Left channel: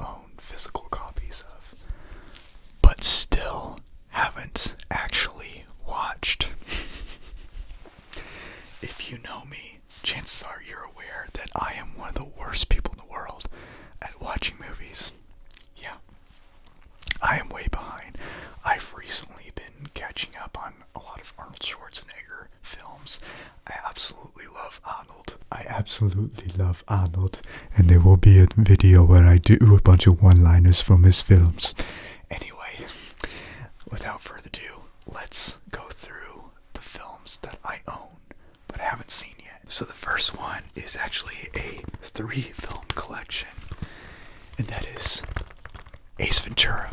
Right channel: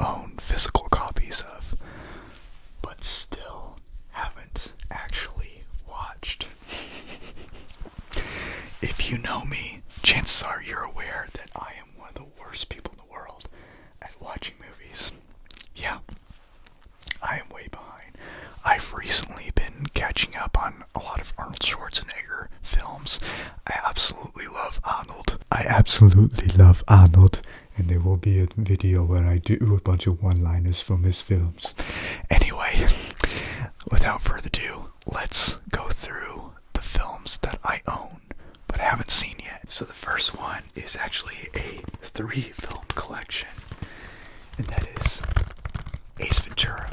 own physical copies of, but still haven't actually watched. If you know me, chances are you're aware that I am one of the worst people in the world at watching movies. Yeah, I am way behind. I've recently been catching up on a lot of Arnold Schwarzenegger films. I absolutely love Arnold. And there will be a video where I do a bunch of one-liners from his films. Anyway, without further ado, let's go through the films that I own but haven't seen yet. So the first one is actually a 3-film collection, and that is Ace Ventura.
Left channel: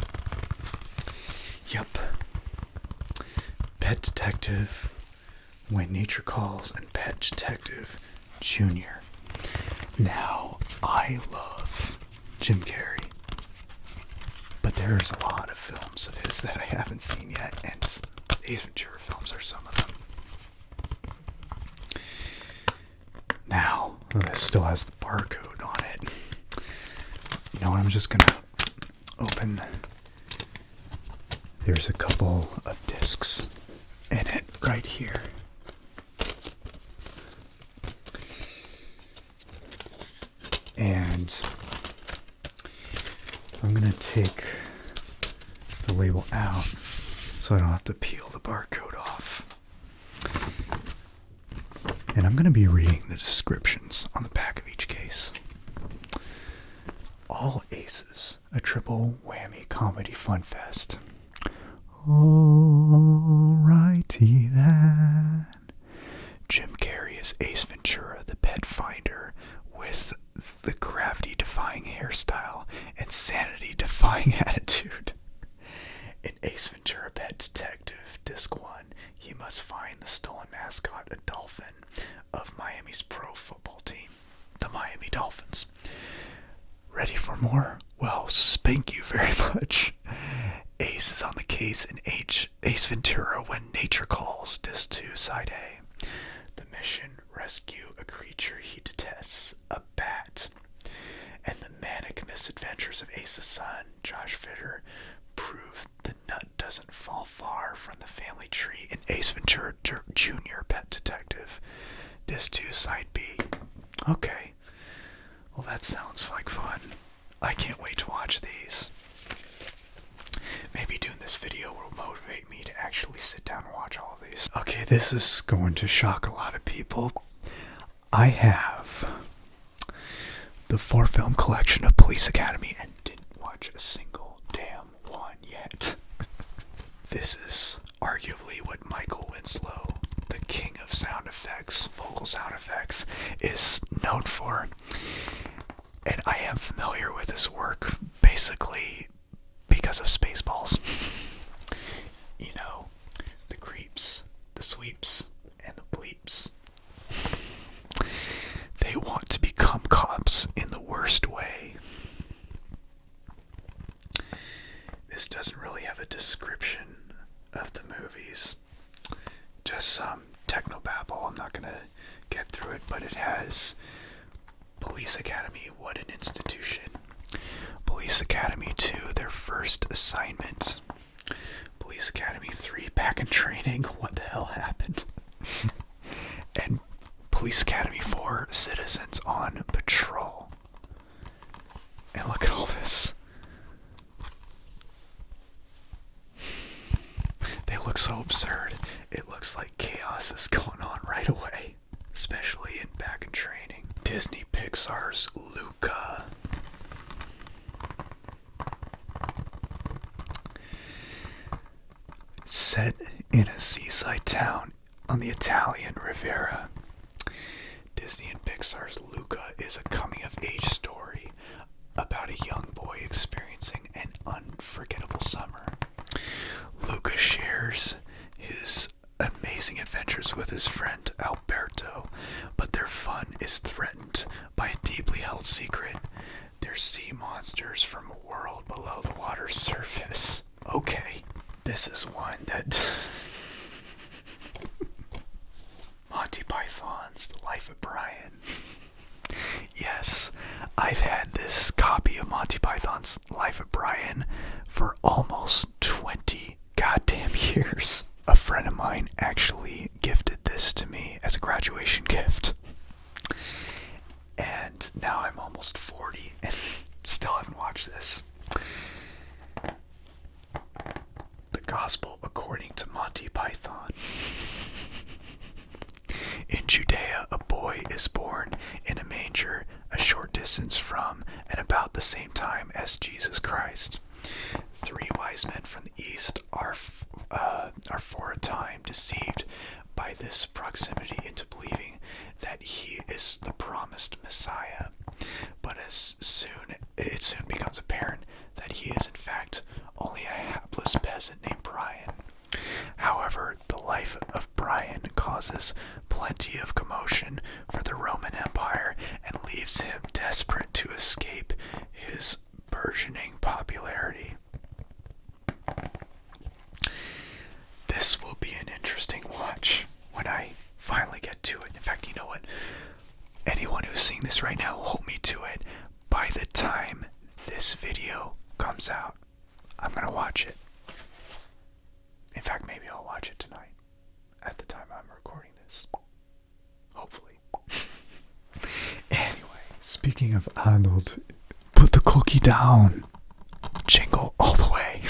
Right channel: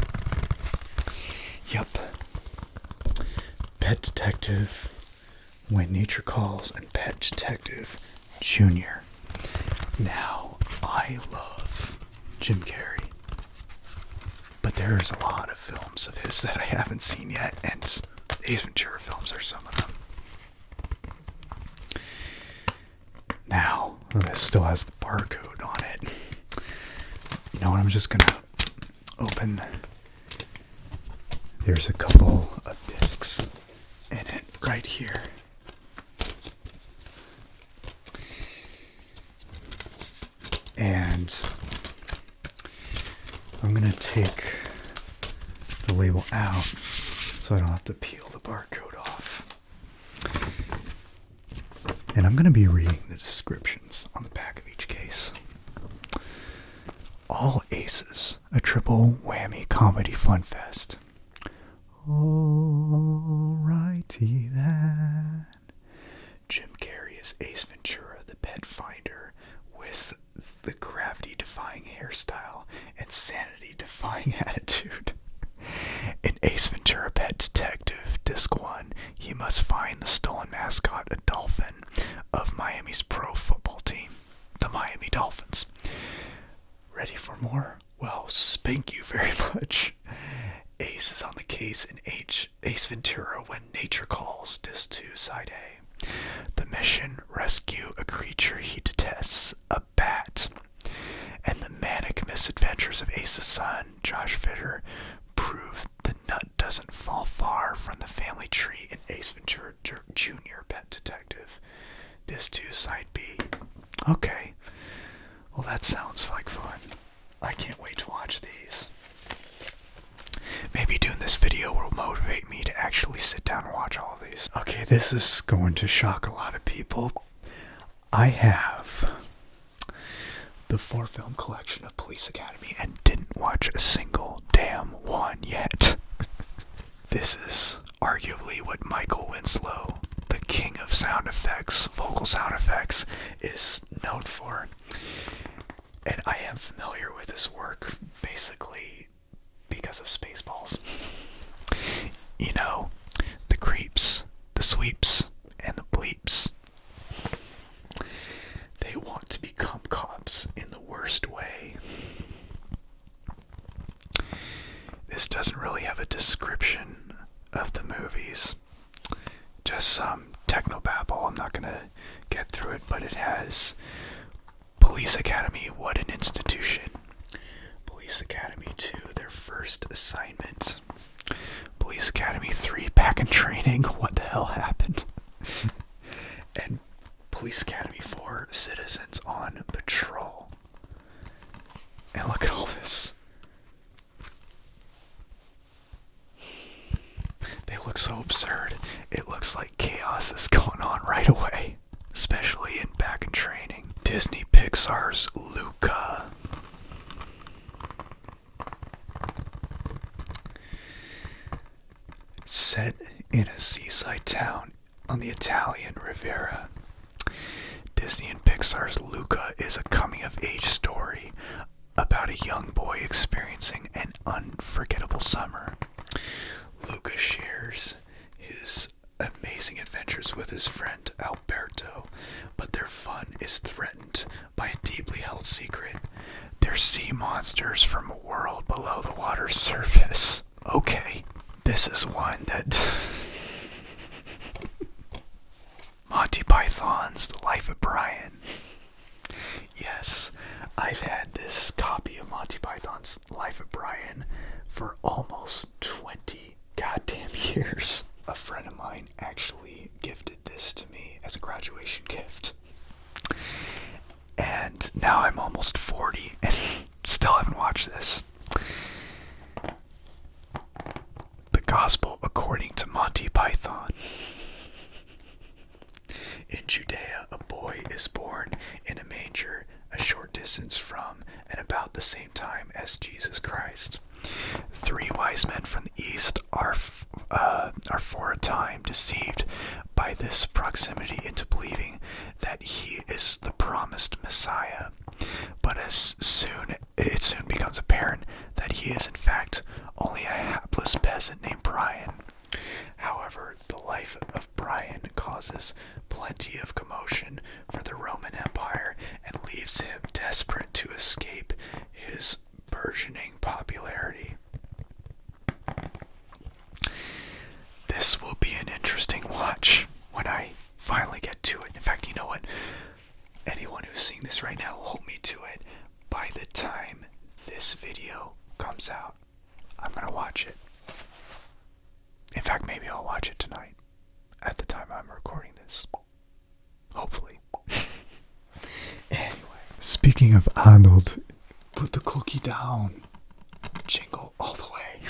Yup. Pet Detective, When Nature Calls, and Pet Detective Jr. Now, I love Jim Carrey, but there's a lot of films of his that I haven't seen yet, and Ace Ventura films are some of them. Now, this still has the barcode on it. You know what, I'm just gonna open. There's a couple of discs in it right here. And I'm gonna take the label out so I don't have to peel the barcode off. And I'm gonna be reading the descriptions on the back of each case. All Aces, a triple whammy comedy fun fest. Alrighty then. Jim Carrey is Ace Ventura, the pet finder, with the gravity-defying hairstyle and sanity-defying attitude. In Ace Ventura Pet Detective Disc 1, he must find the stolen mascot, a dolphin, of Miami's pro football team, the Miami Dolphins. Ready for more? Well, spank you very much. Ace is on the case in Ace Ventura When Nature Calls, Disc 2, Side A. The mission, rescue a creature he detests, a bat. And the manic misadventures of Ace's son, Josh Fitter, prove the nut doesn't fall far from the family tree in Ace Ventura Jr. Pet Detective, Disc 2, Side B. Okay. Well, that sounds like fun. I can't wait to watch these. Maybe doing this video will motivate me to actually sit down and watch all of these. Okay, this is going to shock a lot of people. I have the 4-film collection of Police Academy and didn't watch a single damn one yet. This is arguably what Michael Winslow, the king of sound effects, vocal sound effects, is known for. And I am familiar with his work basically because of Spaceballs. You know, the creeps, the sweeps, and the bleeps. They want to become cops in the worst way. This doesn't really have a description of the movies. Just some technobabble. I'm not going to get through it, but it has Police Academy, What an Institution. Police Academy 2, Their First Assignment. Police Academy 3, Back in Training, What the Hell Happened? And Police Academy 4, Citizens on Patrol. And look at all this. They look so absurd. It looks like chaos is going on right away, especially in Back in Training. Disney Pixar's Luca. Set in a seaside town on the Italian Riviera, Disney and Pixar's Luca is a coming-of-age story about a young boy experiencing an unforgettable summer. Luca shares his amazing adventures with his friend Alberto, but their fun is threatened by a deeply held secret. They're sea monsters from a world below the water's surface. Okay, this is one that... Monty Python's The Life of Brian. Yes, I've had this copy of Monty Python Python's Life of Brian for almost 20 goddamn years. A friend of mine actually gifted this to me as a graduation gift. And now I'm almost 40 and still haven't watched this. The Gospel According to Monty Python. In Judea, a boy is born in a manger a short distance from and about the same time as Jesus Christ. 3 wise men from the east are for a time deceived by this proximity into believing that he is the promised Messiah. But it soon becomes apparent that he is in fact only a hapless peasant named Brian. However, the life of Brian causes plenty of commotion for the Roman Empire and leaves him desperate to escape his burgeoning popularity. This will be an interesting watch when I finally get to it. In fact, you know what? Anyone who's seeing this right now, hold me to it. By the time this video comes out, I'm going to watch it. In fact, maybe I'll watch it tonight at the time I'm recording this. Hopefully. Anyway, speaking of Arnold, put the cookie down. Jingle all the way.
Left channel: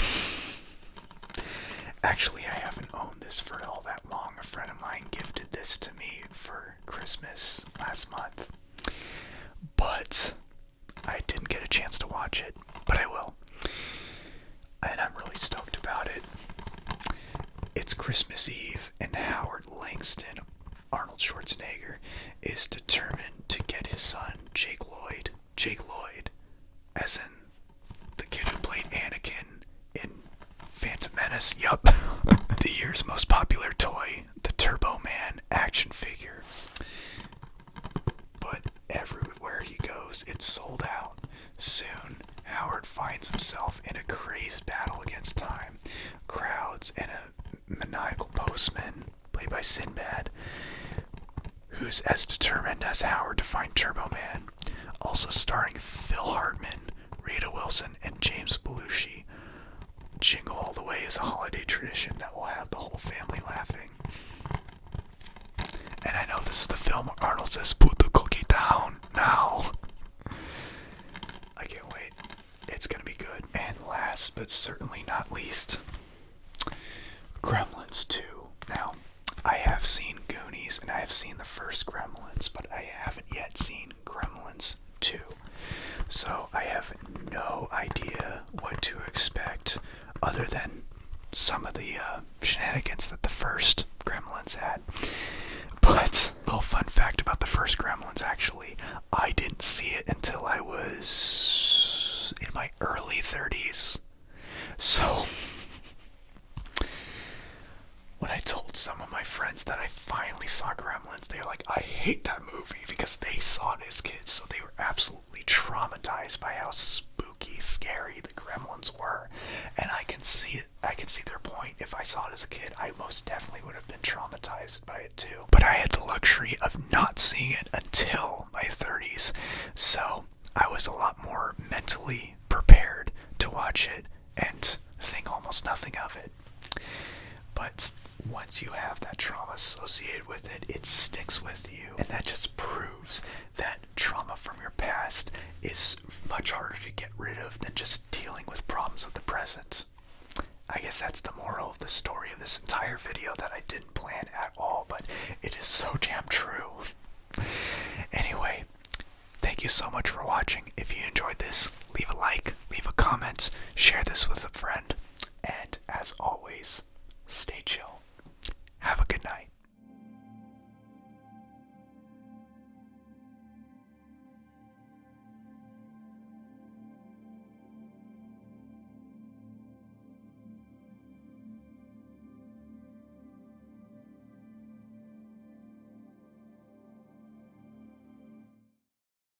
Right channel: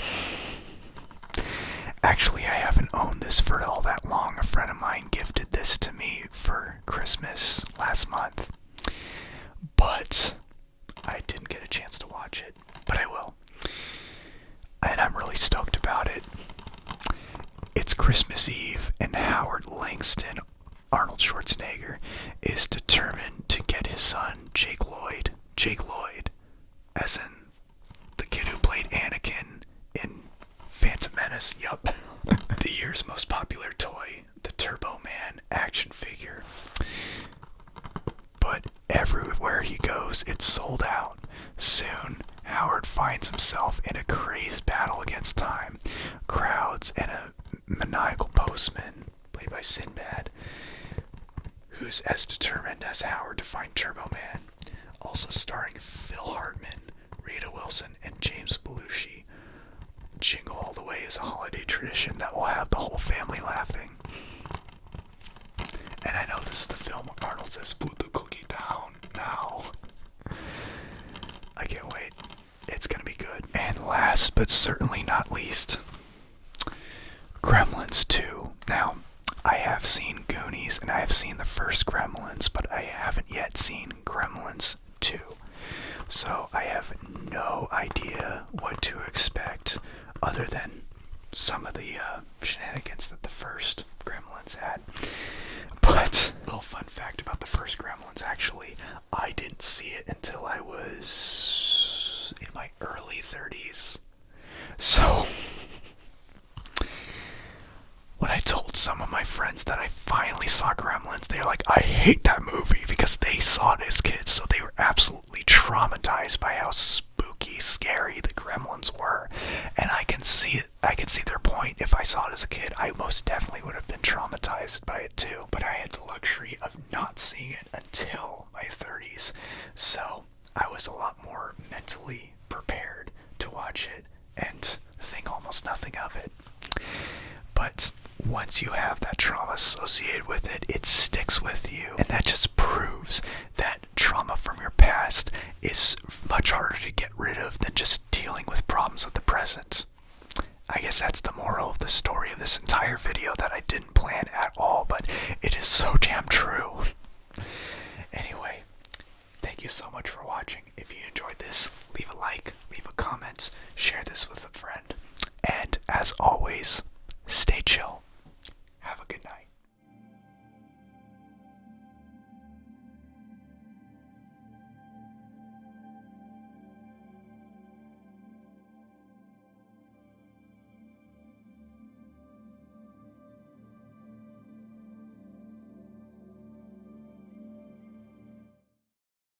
Actually, I haven't owned this for all that long. A friend of mine gifted this to me for Christmas last month. But I didn't get a chance to watch it. But I will. And I'm really stoked about it. It's Christmas Eve, and Howard Langston, Arnold Schwarzenegger, is determined to get his son, Jake Lloyd, as in the kid who played Anakin in Phantom Menace, yup, the year's most popular toy, the Turbo Man action figure. But everywhere he goes, it's sold out. Soon, Howard finds himself in a crazed battle against time, crowds, and a maniacal postman, played by Sinbad, who's as determined as Howard to find Turbo Man. Also starring Phil Hartman, Rita Wilson, and James Belushi. Jingle All the Way is a holiday tradition that will have the whole family laughing. And I know this is the film where Arnold says, "Put the cookie down now." I can't wait. It's gonna be good. And last but certainly not least, Gremlins 2. Now, I have seen Goonies and I have seen the first Gremlins, but I haven't yet seen Gremlins 2. So I have no idea what to expect other than some of the shenanigans that the first Gremlins had. But a little fun fact about the first Gremlins, actually, I didn't see it until I was in my early 30s. So when I told some of my friends that I finally saw Gremlins, they were like, "I hate that movie," because they saw it as kids, so they were absolutely traumatized by how spooky, scary the Gremlins were. And I can see it. I can see their point. If I saw it as a kid, I most definitely would have been traumatized by it too. But I had the luxury of not seeing it until my 30s, so I was a lot more mentally prepared to watch it and think almost nothing of it. But once you have that trauma associated with it, it sticks with you. And that just proves that trauma from your past is much harder to get rid of than just dealing with problems of the present. I guess that's the moral of the story of this entire video that I didn't plan at all, but it is so damn true. Anyway, thank you so much for watching. If you enjoyed this, leave a like, leave a comment, share this with a friend, and as always, stay chill. Have a good night.